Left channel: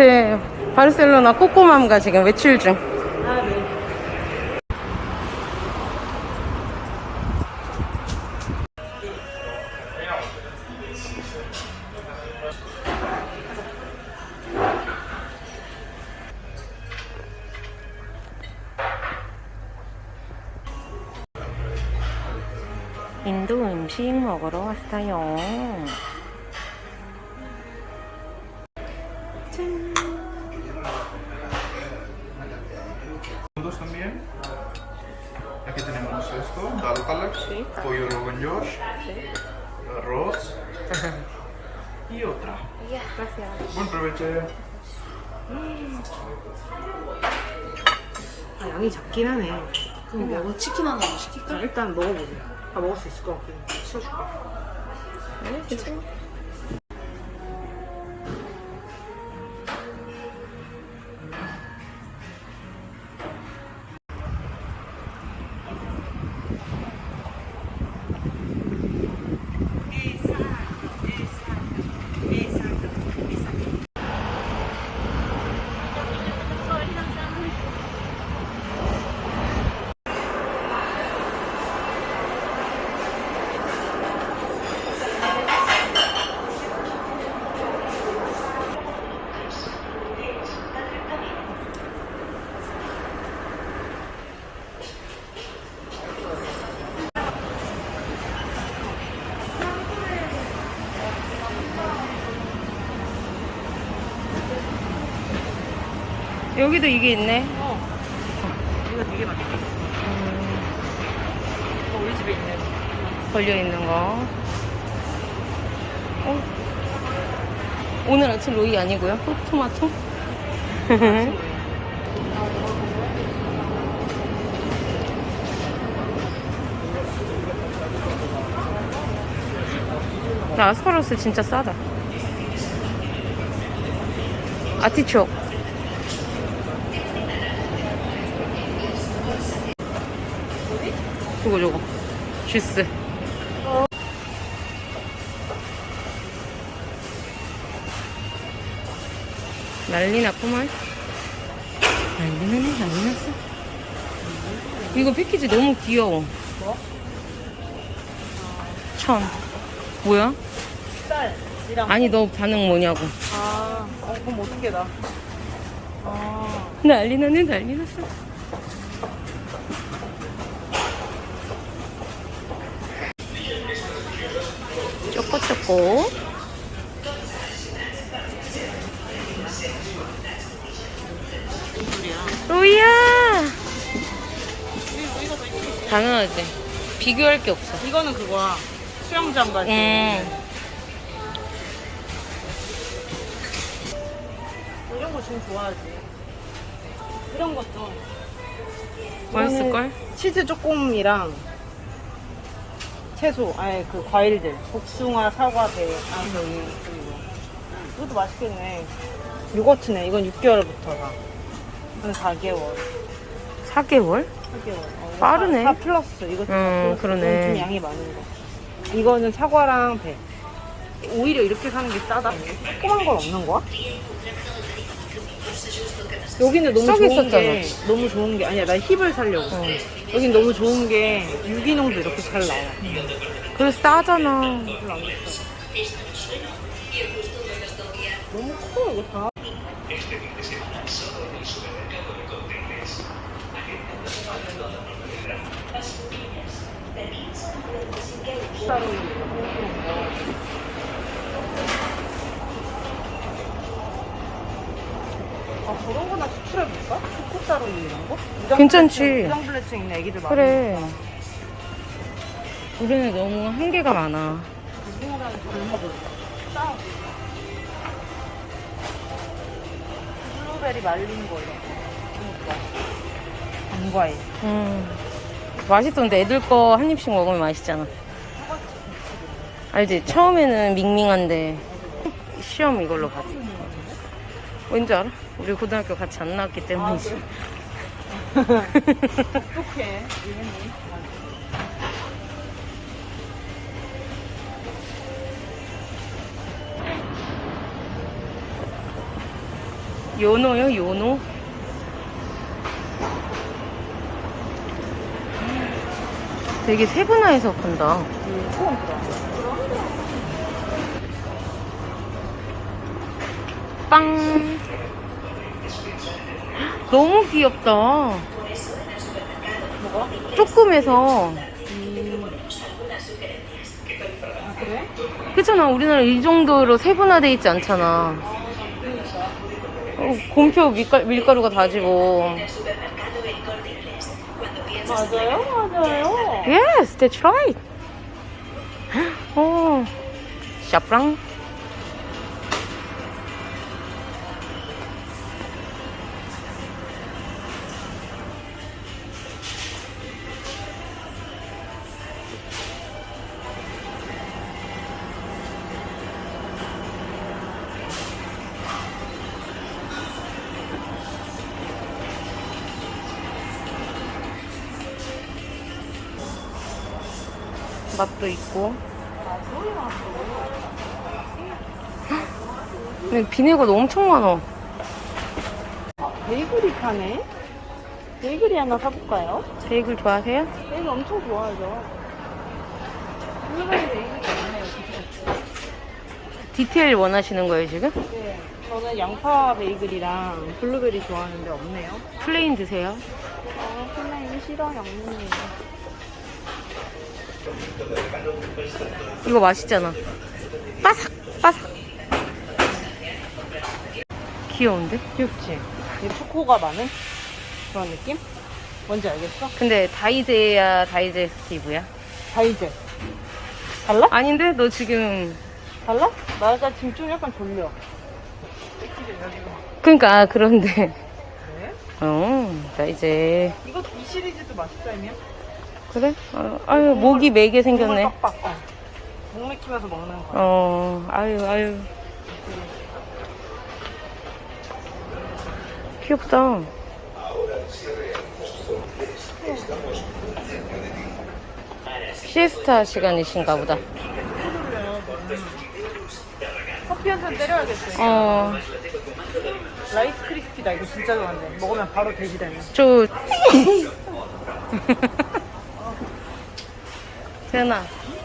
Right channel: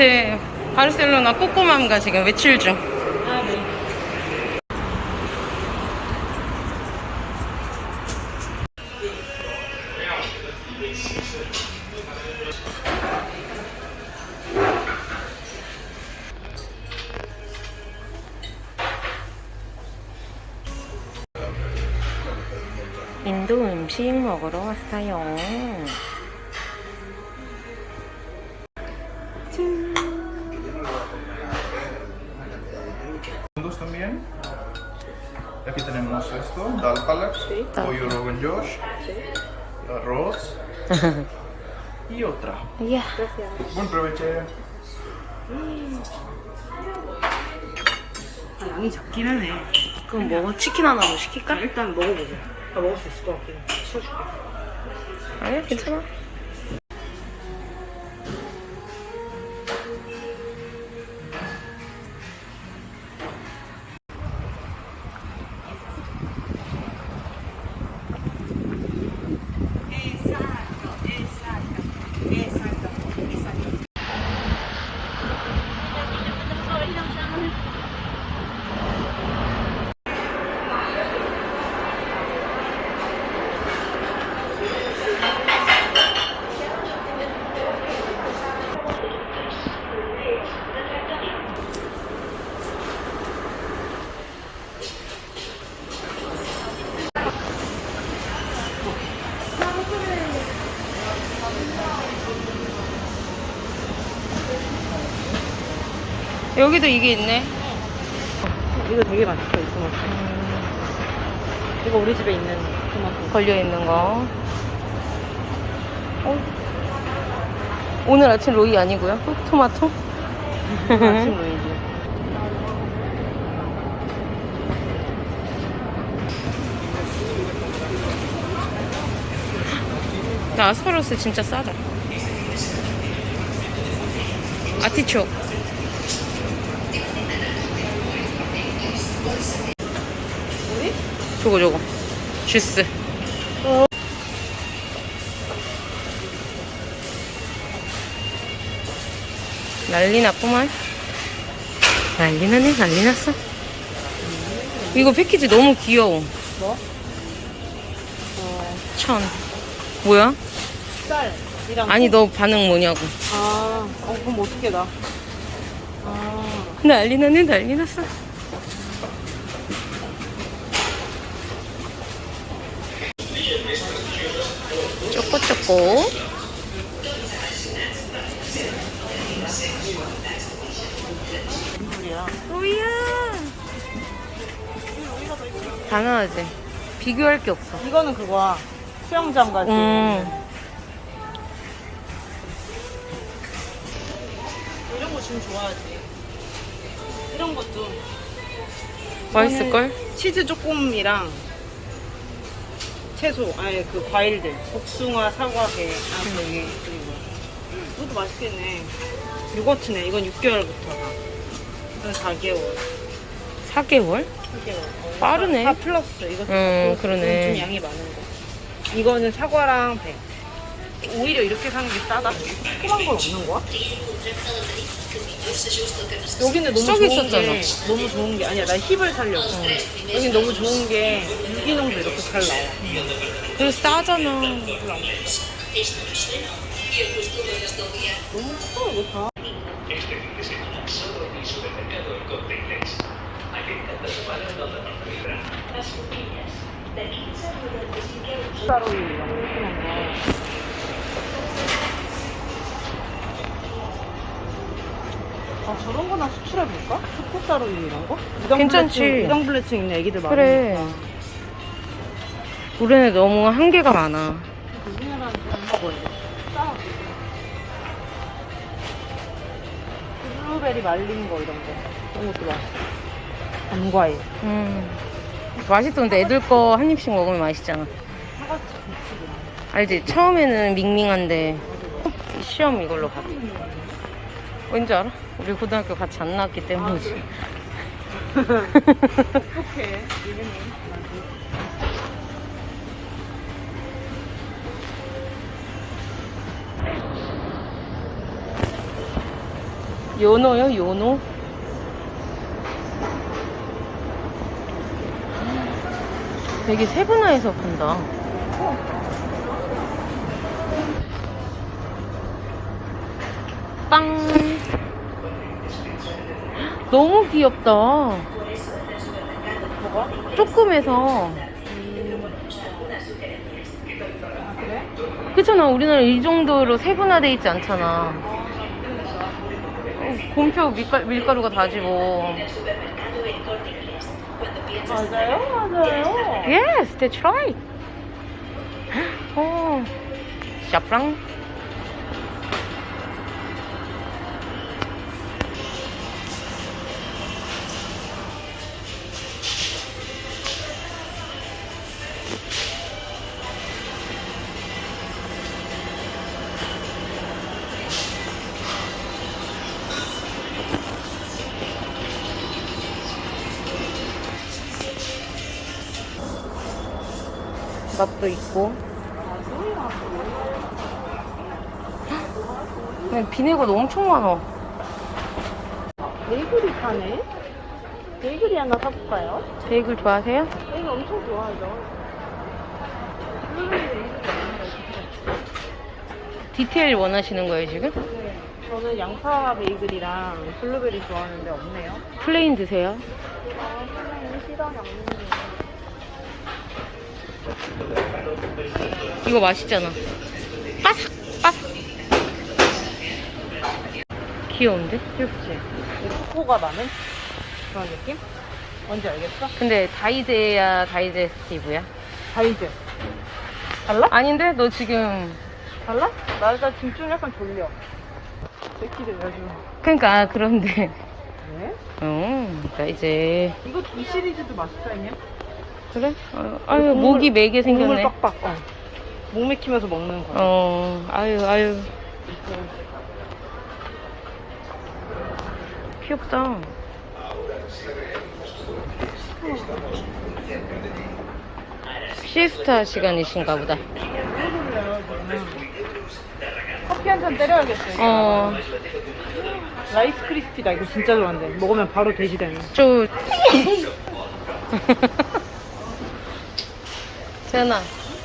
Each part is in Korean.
마트 바르셀로나 꼬꼬맘가 지금 외출 중. 인도 음식 먹으러 왔어요. Tenemos esto, dal palak, pollo rogan josh, arroz y otra. 이야. Buen provecho. 아, 양이 작긴 하네. 그럼 뭐 치킨 하나 더 시킬까? 일단 먹어보자. 아, 먹을 수 있을 것 같긴 해. 치워줄게. 아니야 괜찮아. 여기도 이게 있네. 이거 되게 맛있어, 있어. 음, 이거 우리 집에 있는 토마토. 걸려 있는 거. 어? 오늘 아침 로이 아니고요? 또 토마토? 아침 보이지? 야, 아스파라거스 진짜 싸다. 아티촉. 저거 저거. 주스. 난리 났구만. 난리 나네, 난리 났어. 이거 패키지 너무 귀여워. 뭐? 천. 뭐야? 쌀이랑. 아니, 너 반응 뭐냐고. 아, 어, 그럼 어떻게 나? 아, 난리 나네, 난리 났어. 쪼꼬쪼꼬. 로이야! 당연하지. 비교할 게 없어. 이거는 그거야. 수영장. 음. 이런 거 지금 좋아하지. 이런 것도. 맛있을걸? 치즈 조금이랑 채소, 아니 그 과일들, 복숭아, 사과, 배, 아, 여기 그리고 이것도 맛있겠네. 요거트네. 이건 6개월부터가. 이건 4개월. 4개월? 4개월. 빠르네. 4 플러스. 이거 음, 좀- 그러네. 좀 양이 많은데. 이거는 사과랑 배. 오히려 이렇게 사는 게 싸다. 조그만 건 없는 거야? 여기는 너무 썩 좋은 있었잖아. 게 너무 좋은 게 아니야. 나 힙을 살려고. 어. 여긴 너무 좋은 게 유기농도 이렇게 잘 나와. 그래 싸잖아. 너무 커 이거 다. 따로 어, 저런 거나 수출해볼까? 촛불가루 이런 거? 괜찮지. 블레층, 우당 블레층 있는 애기들 많아. 그래. 우리는 너무 한계가 많아. 우리나라는 잘 먹어야 돼. 싸. 블루베리 말린 거 이런 거. 안과일. 음. 맛있던데 애들 거 한 입씩 먹으면 맛있잖아. 사과치 알지? 처음에는 밍밍한데 시험 이걸로 받아. 왠지 알아? 우리 고등학교 같이 안 나왔기 때문이지. 어떡해. 요노요, 요노? 되게 세분화해서 판다. 빵. 너무 귀엽다. 조금해서. 그렇잖아. 우리나라 이 정도로 세분화돼 있지 않잖아. 어, 곰표 밀가, 밀가루가 다지고. Yes, that's right. 오, 샤프랑. 맛도 있고. 비네거도 엄청 많아. 베이글이 파네? 베이글이 하나 사볼까요? 베이글 좋아하세요? 베이글 엄청 좋아하죠. 디테일 원하시는 거예요, 지금? 네. 저는 양파 베이글이랑 블루베리 좋아하는데 없네요. 플레인 드세요. 선생님 싫어요. 이거 맛있잖아. 빠삭. 귀여운데? 귀엽지? 이 초코가 나는 그런 느낌? 뭔지 알겠어? 근데 다이제야 다이제스티브야? 다이제. 달라? 아닌데? 너 지금. 달라? 나 약간 지금 좀 약간 졸려. 왜 지금. 그니까, 아, 그런데. 왜? 어, 나 이제. 이거 이 시리즈도 맛있다, 아니야? 그래? 아, 아유, 목이 매게 생겼네. 빡빡. 어. 목 맥히면서 먹는 거. 어, 아유, 아유. 귀엽다. 시에스타 시간이신가 보다. 커피 한 잔 때려야겠지. 어, 라이스 크리스피다. 이거 진짜 좋아하는데. 먹으면 바로 돼지 되네. 저. 재현아,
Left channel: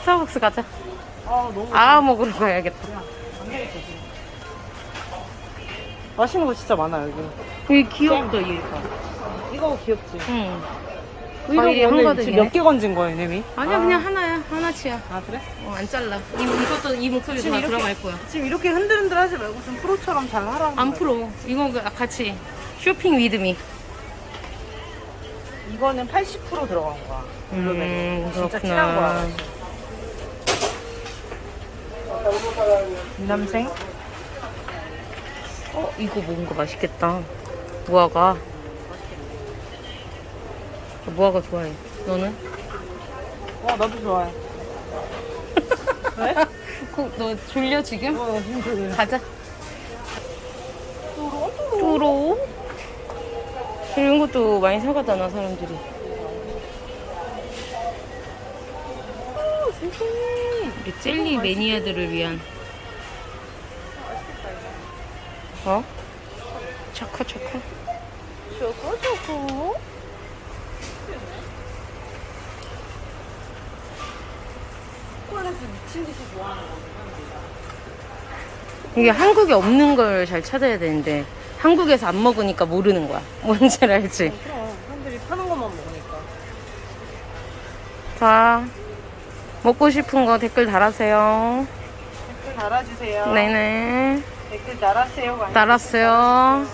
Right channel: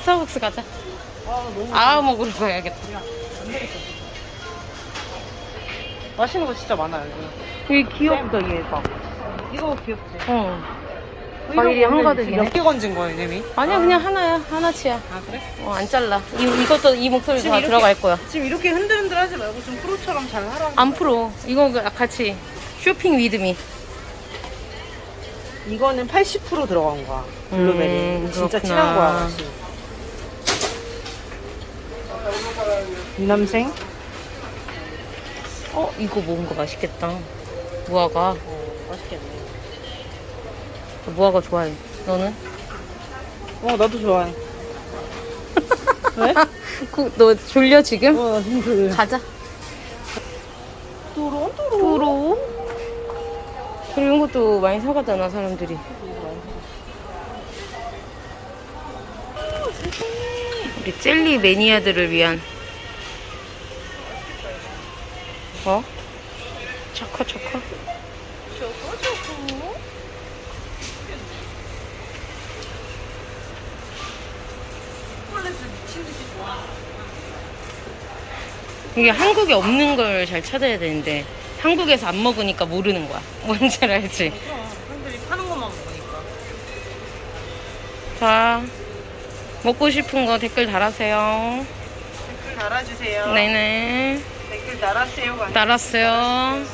스타벅스 가자. 아, 아, 먹으러 가야겠다. 맛있는 거 진짜 많아, 여기. 이 귀엽다, 얘가. 이거 귀엽지? 응. 과일이 한가득이네. 몇개 건진 거예요, 님이? 아니야, 그냥 하나야. 하나치야. 아, 그래? 어, 안 잘라. 이, 이것도, 이 목소리 지금 다 이렇게- 들어갈 거야. 지금 이렇게 흔들흔들 하지 말고 좀 프로처럼 잘 하라고. 안 풀어. 이거 그- 같이 쇼핑 위드미. 이거는 80% 들어간 거야. 음, 블루베리. 진짜 그렇구나. 친한 거야. 이 남생? 어, 이거 뭔가 맛있겠다. 무화과. 맛있겠네. 무화과 좋아해. 너는? 어, 나도 좋아해. 왜? 그, 너 졸려 지금? 어, 나 진짜 좋아해. 가자. 이런 것도 많이 사가잖아, 사람들이. 우리 젤리 매니아들을 위한. 어? 초코, 초코. 듯이 좋아하는 이게 한국에 없는 걸 잘 찾아야 되는데, 한국에서 안 먹으니까 모르는 거야. 뭔지 알지? 거. 사람들이 파는 것만 먹으니까. 자, 먹고 싶은 거 댓글 달아주세요. 댓글 달아주세요. 네네. 댓글 달아주세요. 달았어요.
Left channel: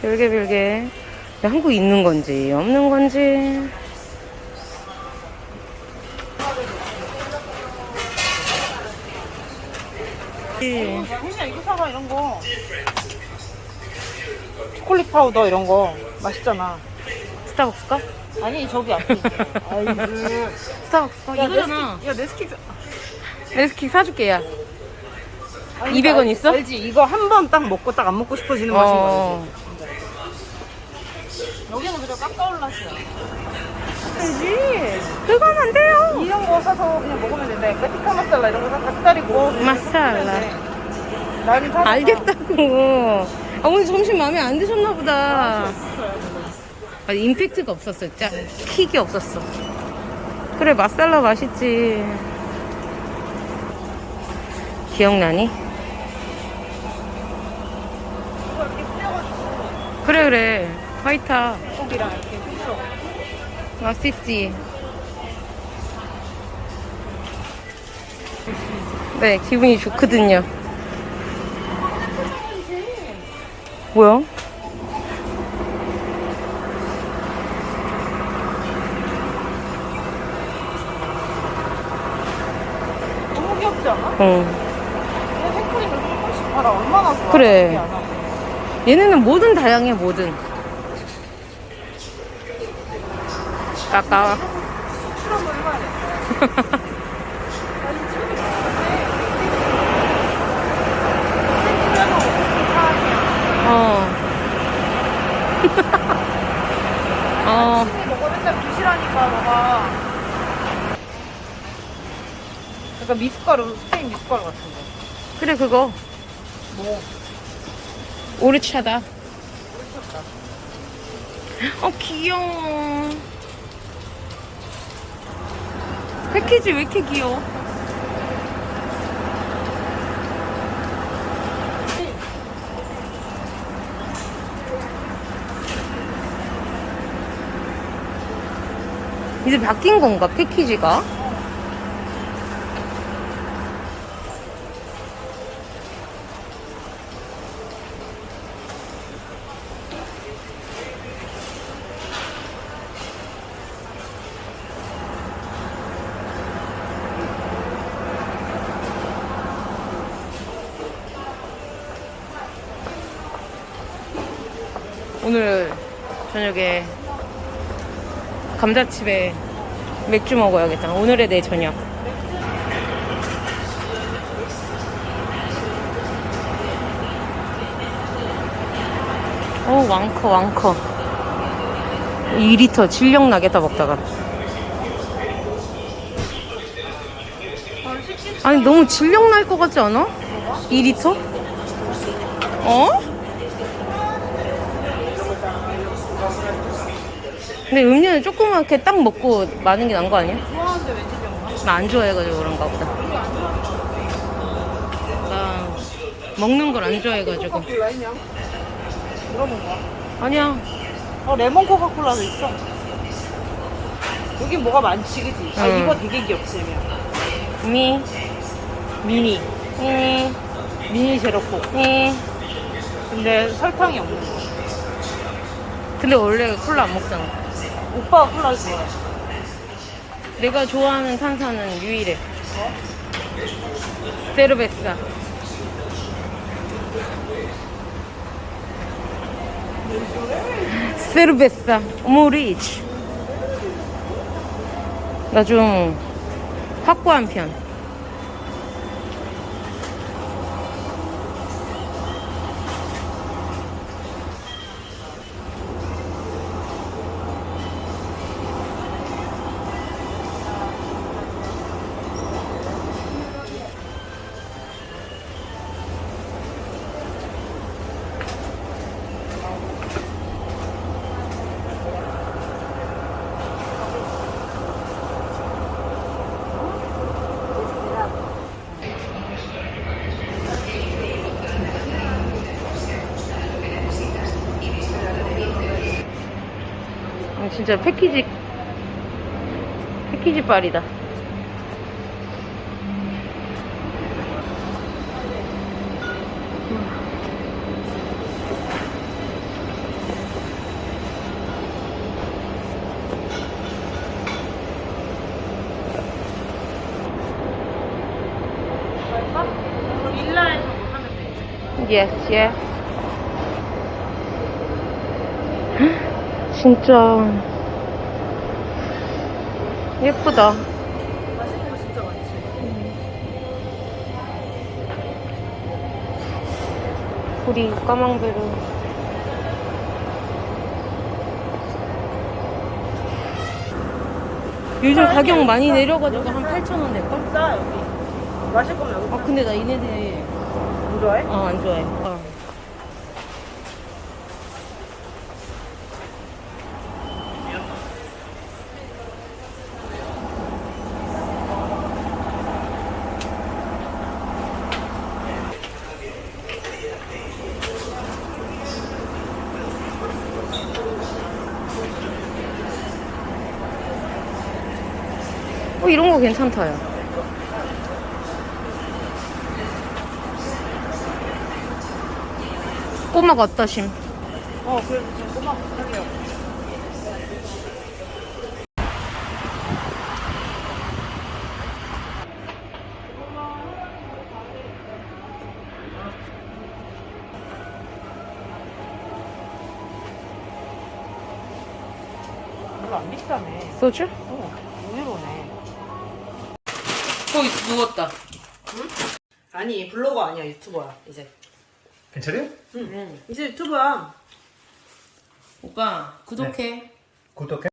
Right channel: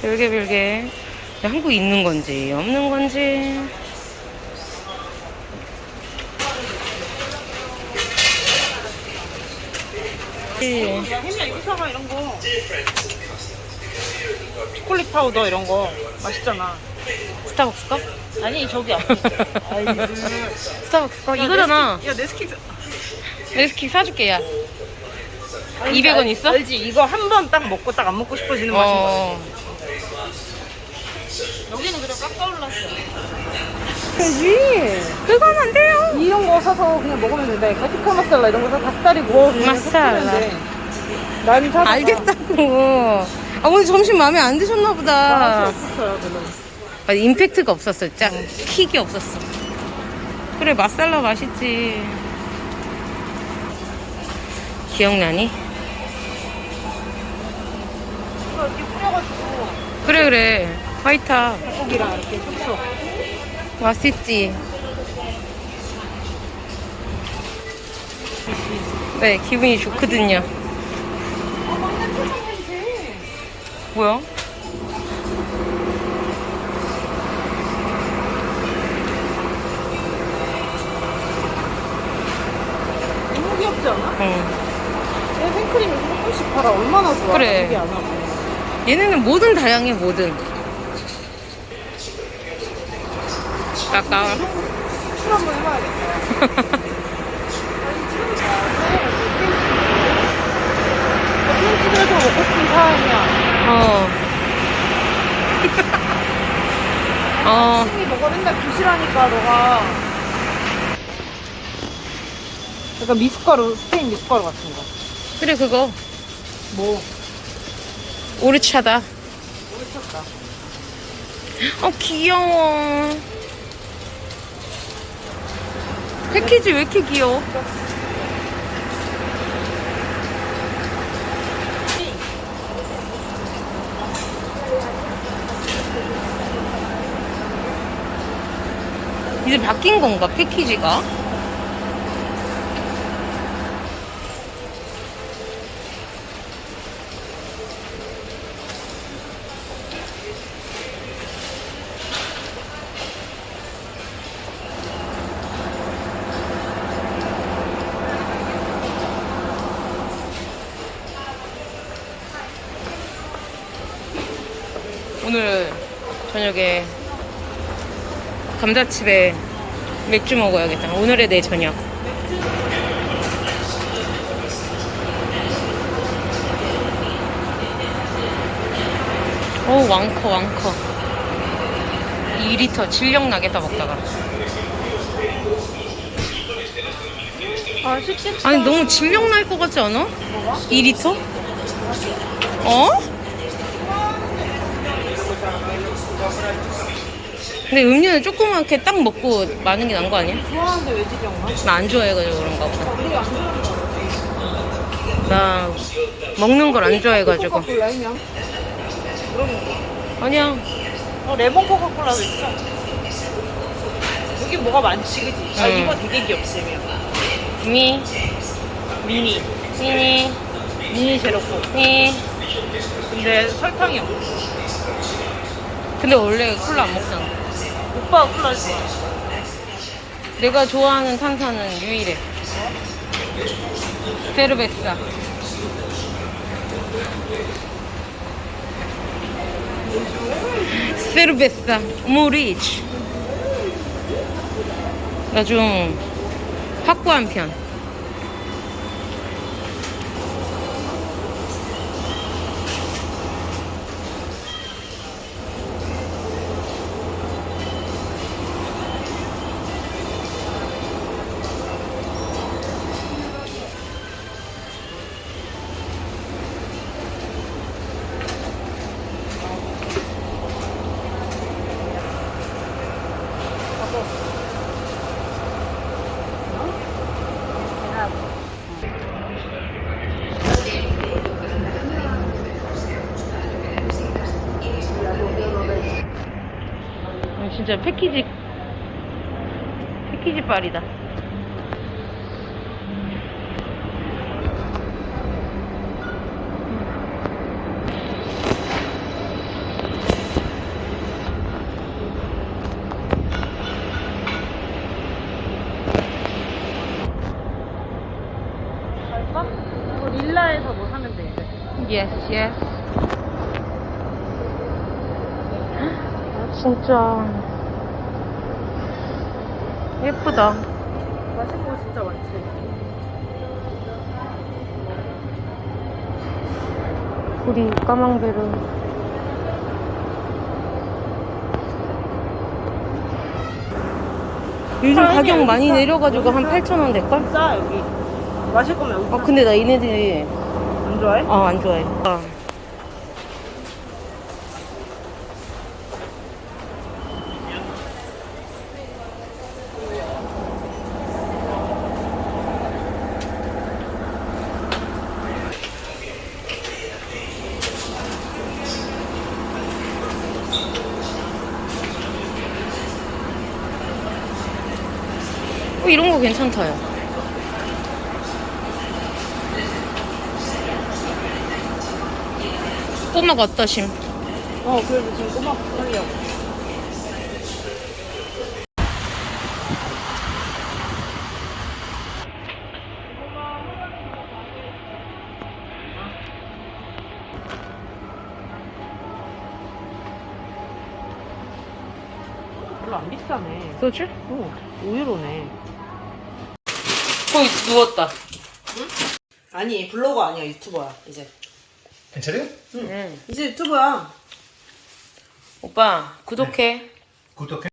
별게 별게. 한국에 있는 건지, 없는 건지. 예. 야, 혜미야 이거 사봐 이런 거. 초콜릿 파우더 이런 거 맛있잖아. 스타벅스 거? 아니 저기. 스타벅스 거? 이거잖아. 야 네스킥 레스킥 사줄게, 야. 200원 있어? 알지 이거 한 번 딱 먹고 딱 안 먹고 싶어지는 맛인 어. 거지. 여기는 그래 깎아 올랐어. 그지. 그건 안 돼요. 이런 거 사서 그냥 먹으면 된다니까. 티카 마살라 이런 거 닭다리 구워. 마살라. 사. 알겠다고. 아, 오늘 점심 마음에 안 드셨나 보다. 아, 임팩트가 없었어. 짜, 킥이 없었어. 그래, 맛살라 맛있지. 기억나니? 그래, 그래. 화이타. 맛있지. 네, 기분이 좋거든요. 뭐야? 너무 귀엽지 않아? 응. 내 생크림을 조금씩 팔아. 얼마나 좋아. 그래. 되게 안 하고. 얘네는 뭐든 다양해, 뭐든. 까까. 어. 어. 너가 맨날 부실하니까 너가. 약간 미숫가루, 스페인 미숫가루 같은 거. 그래, 그거. 뭐? 오르차다. 어, 귀여워. 패키지 왜 이렇게 귀여워? 이제 바뀐 건가, 패키지가? 오늘 저녁에 감자칩에 맥주 먹어야겠다. 오늘의 내 저녁. 어 왕커 왕커 2리터 질력 나겠다 먹다가 아, 아니 너무 질력 날 것 같지 않아? 2리터? 어? 근데 음료는 조그맣게 딱 먹고 마는 게 나은 거 아니야? 나 안 좋아해가지고 그런가 보다. 나 먹는 걸 안 좋아해가지고. 아니야. 어, 레몬 코카콜라도 있어. 여기 뭐가 많지, 그지? 아, 응. 이거 되게 귀엽지. 미, 미니. 미니, 미니 제로스. 미. 근데 설탕이 없어. 근데 원래 콜라 안 먹잖아. 오빠가 콜라 좋아. 내가 좋아하는 탄산은 유일해. 세르베사. 세르베사. 모리치. 나 좀 확고한 편. 어, 진짜 패키지 패키지 빨이다. 뭐? Yes, yes. 진짜 예쁘다. 구리 까망베르. 요즘 가격 많이 내려가지고 한 8,000원 될걸? 싸, 여기. 마실 거면 여기. 아 근데 나 얘네들이 좋아해? 어, 안 좋아해. 어. 이런 거 괜찮다요. 꼬마가 어떠심? 어 그래도 지금 꼬막 뿌려 별로 안 비싸네 소주? 어 5유로네 거기 누웠다. 아니 블로거 아니야 유튜버야 이제 serio? 응. 이제 유튜버야 오빠, 구독해. ¿Culto qué?